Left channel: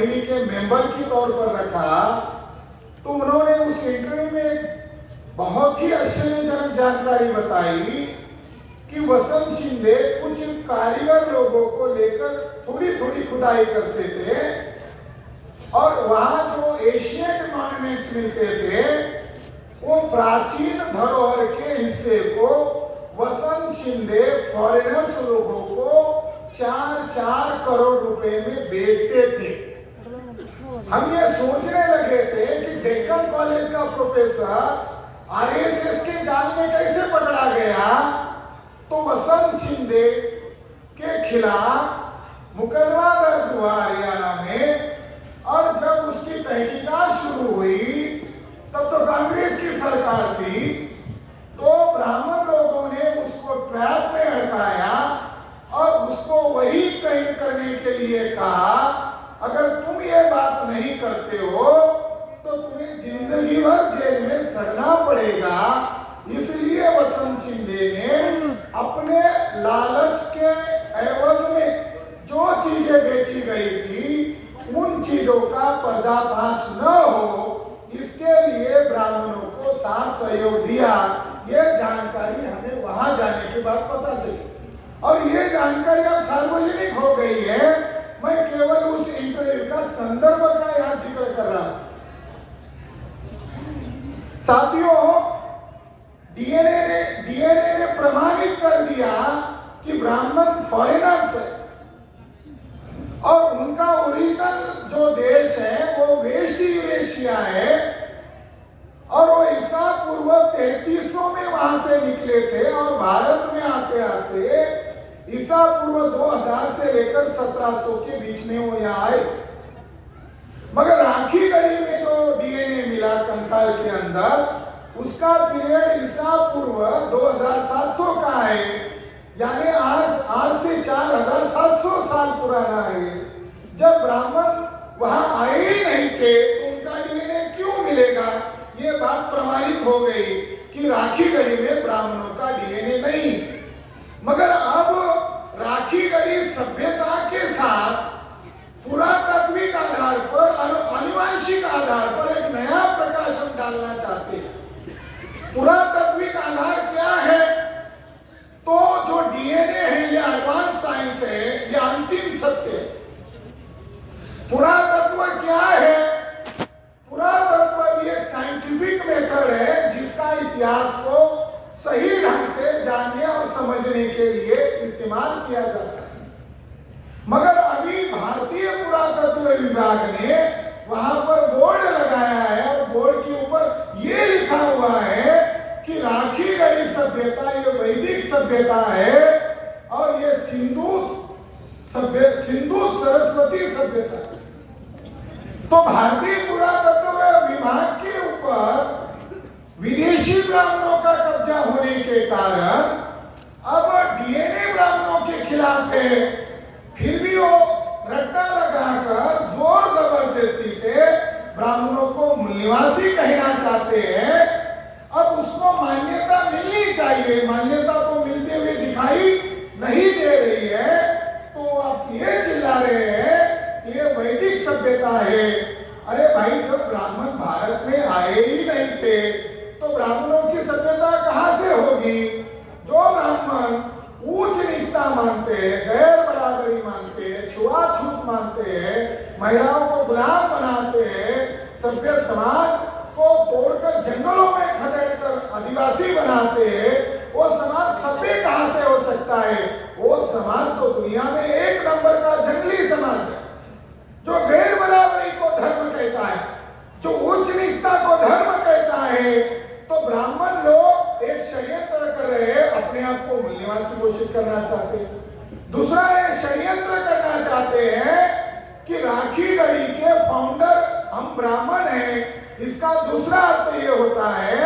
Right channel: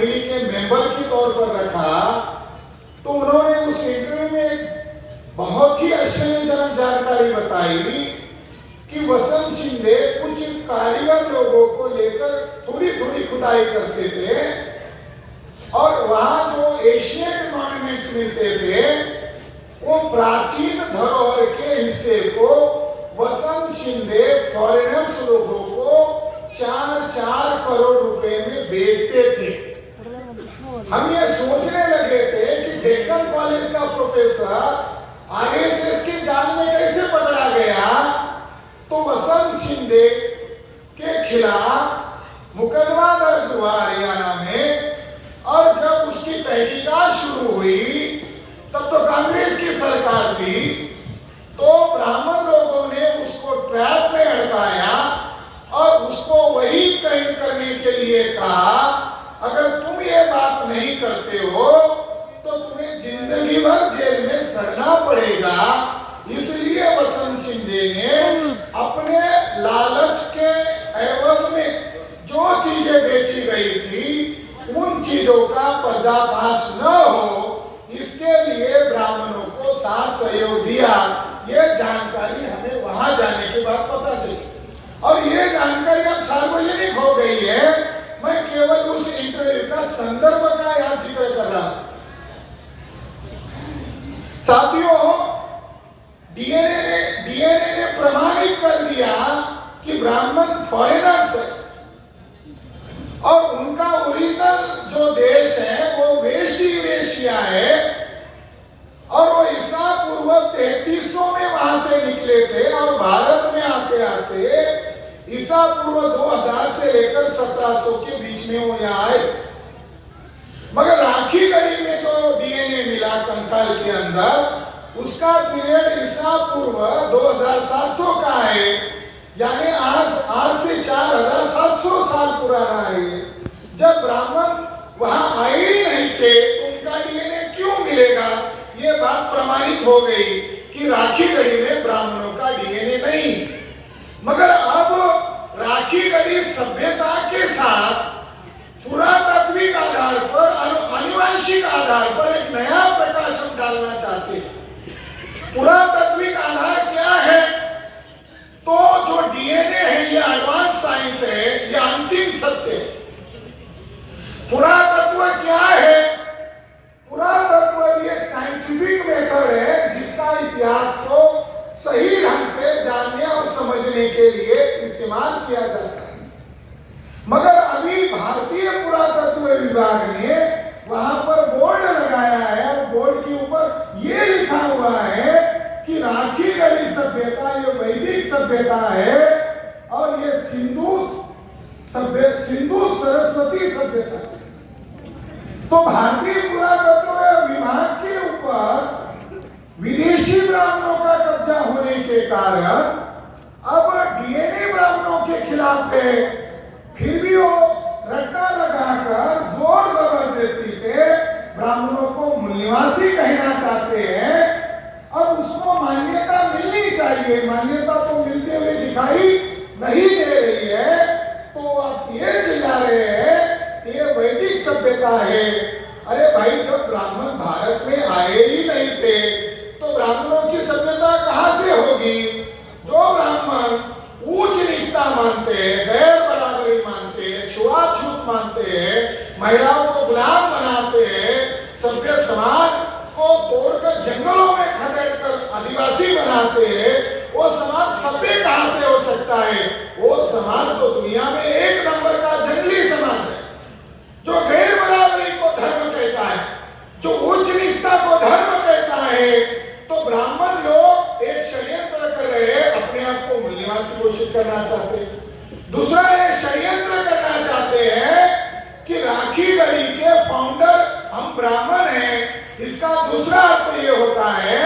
Family के member के तौर पर रखा, तो उन्होंने उस इंटरव्यू में बहुत ही आश्चर्यजनक जानकारी बताई कि वसंत शिंदे कुछ कारीगर लोगों को लेकर थोड़ी थोड़ी खुदाई करते थे और वहां जो एशियन मॉन्यूमेंट्स मिलते थे वो प्राचीन धरोहर के हिस्से को वसंत शिंदे फॉरेनर्स लोगों को 4-4 करोड़ रुपए में बेचते थे। हम ये सोचने लगे थे कि डेक्कन कॉलेज का प्रोफेसर आरएसएस के जाल में कैसे पकड़ा गया, तो वसंत शिंदे के खिलाफ मुकदमा दर्ज हुआ हरियाणा में, और जब उसकी तहकीकात शुरू हुई तब तो कांग्रेस की सरकार थी, तो ब्राह्मण लोगों ने उसको ट्रैप में अटकाया और उसको वही कैद करने के लिए कहा, अगर तुम ये बात नहीं करते हो तो तुम्हें जिंदगी भर जेल में सड़ना पड़ेगा। इसलिए वसंत शिंदे ने अपने लालच के एवज में जो चीजें बेची गई थी उन चीजों का पर्दाफाश न हो, इसके लिए ब्राह्मणों को साथ सहयोग दिया। यह जानकारी हमें वहां जाने के बाद पता चली और ये जानकारी अब सार्वजनिक हो गई है। मैं केवल उस इंटरव्यू का संदर्भ का यहाँ जिक्र कर रहा हूं। साथियों, डीएनए ने प्रमाणित कर दिया कि ब्राह्मण फॉरेनर्स है और उनका ओरिजिनल जो देश है वो वेस्ट यूरेशिया है और वो ईसा पूर्व 3300 में वहां से निकले थे और भारत में आते आते ईसा पूर्व 2000 से लेकर 1700 के बीच में वो यहाँ आए। मगर राखी गढ़ी में जो डीएनए मिला कंकाल के अंदर, उसका पीरियड ईसा पूर्व 2700 का है, यानी आज से 4700 साल पुराना है। जब ब्राह्मण वहां आए ही नहीं थे तो उनका डीएनए क्यों मिलेगा? ये बात प्रमाणित हो गई कि राखी गढ़ी में ब्राह्मणों का डीएनए नहीं। मगर अब राखी गढ़ी सभ्यता के साथ पुरातात्विक आधार पर और आनुवंशिक आधार पर एक नया प्रकाशन डालना चाहते हैं। पुरातात्विक आधार क्या है? तो जो डीएनए है ये एडवांस साइंस है, ये अंतिम सत्य है। पुरातत्व क्या है? पुरातत्व भी एक साइंटिफिक मेथड है जिसका इतिहास को सही ढंग से जानने और समझने के लिए इस्तेमाल किया जाता है। मगर अभी भारतीय पुरातत्व विभाग ने वहां पर बोर्ड लगाया है और बोर्ड के ऊपर ये लिखा हुआ है कि राखी गढ़ी सभ्यता ये वैदिक सभ्यता है और ये सिंधु सरस्वती सभ्यता है। तो भारतीय पुरातत्व विभाग के ऊपर विदेशी ब्राह्मणों का कब्जा होने के कारण अब डीएनए ब्राह्मणों के खिलाफ है। फिर भी वो रट्टा लगाकर जोर जबरदस्ती से ब्राह्मणों को निवासी कहना चाहते हैं। अब उसको मान्यता मिलनी चाहिए, मान्यता तो मिलते हुए दिखाई नहीं दे रही है, तो आप ये चिल्ला रहे हैं ये वैदिक सभ्यता है। अरे भाई, जब ब्राह्मण भारत में आए ही नहीं थे तो ब्राह्मणों की सभ्यता कहां से होगी? जो ब्राह्मण ऊंच निष्ठा मानते हैं, गैर बराबरी मानते हैं, छुआछूत मानते हैं, महिलाओं को गुलाम बनाते हैं, सभ्य समाज को तोड़कर जंगलों में खदेड़कर आदिवासी बनाते हैं, वो समाज सभ्य कहां से हो सकता है? वो समाज तो दुनिया में एक नंबर का जंगली समाज है, जो गैर बराबरी को धर्म कहता है, जो उच्च निष्ठा को धर्म कहता है। तो ब्राह्मण लोग एक षड्यंत्र कर रहे हैं, अपने आप को मूल्यवान घोषित करना चाहते हैं। दूसरा एक षड्यंत्र करना चाहते हैं कि राखी गढ़ी के फाउंडर हम ब्राह्मण हैं। इसका दूसरा अर्थ ये होता है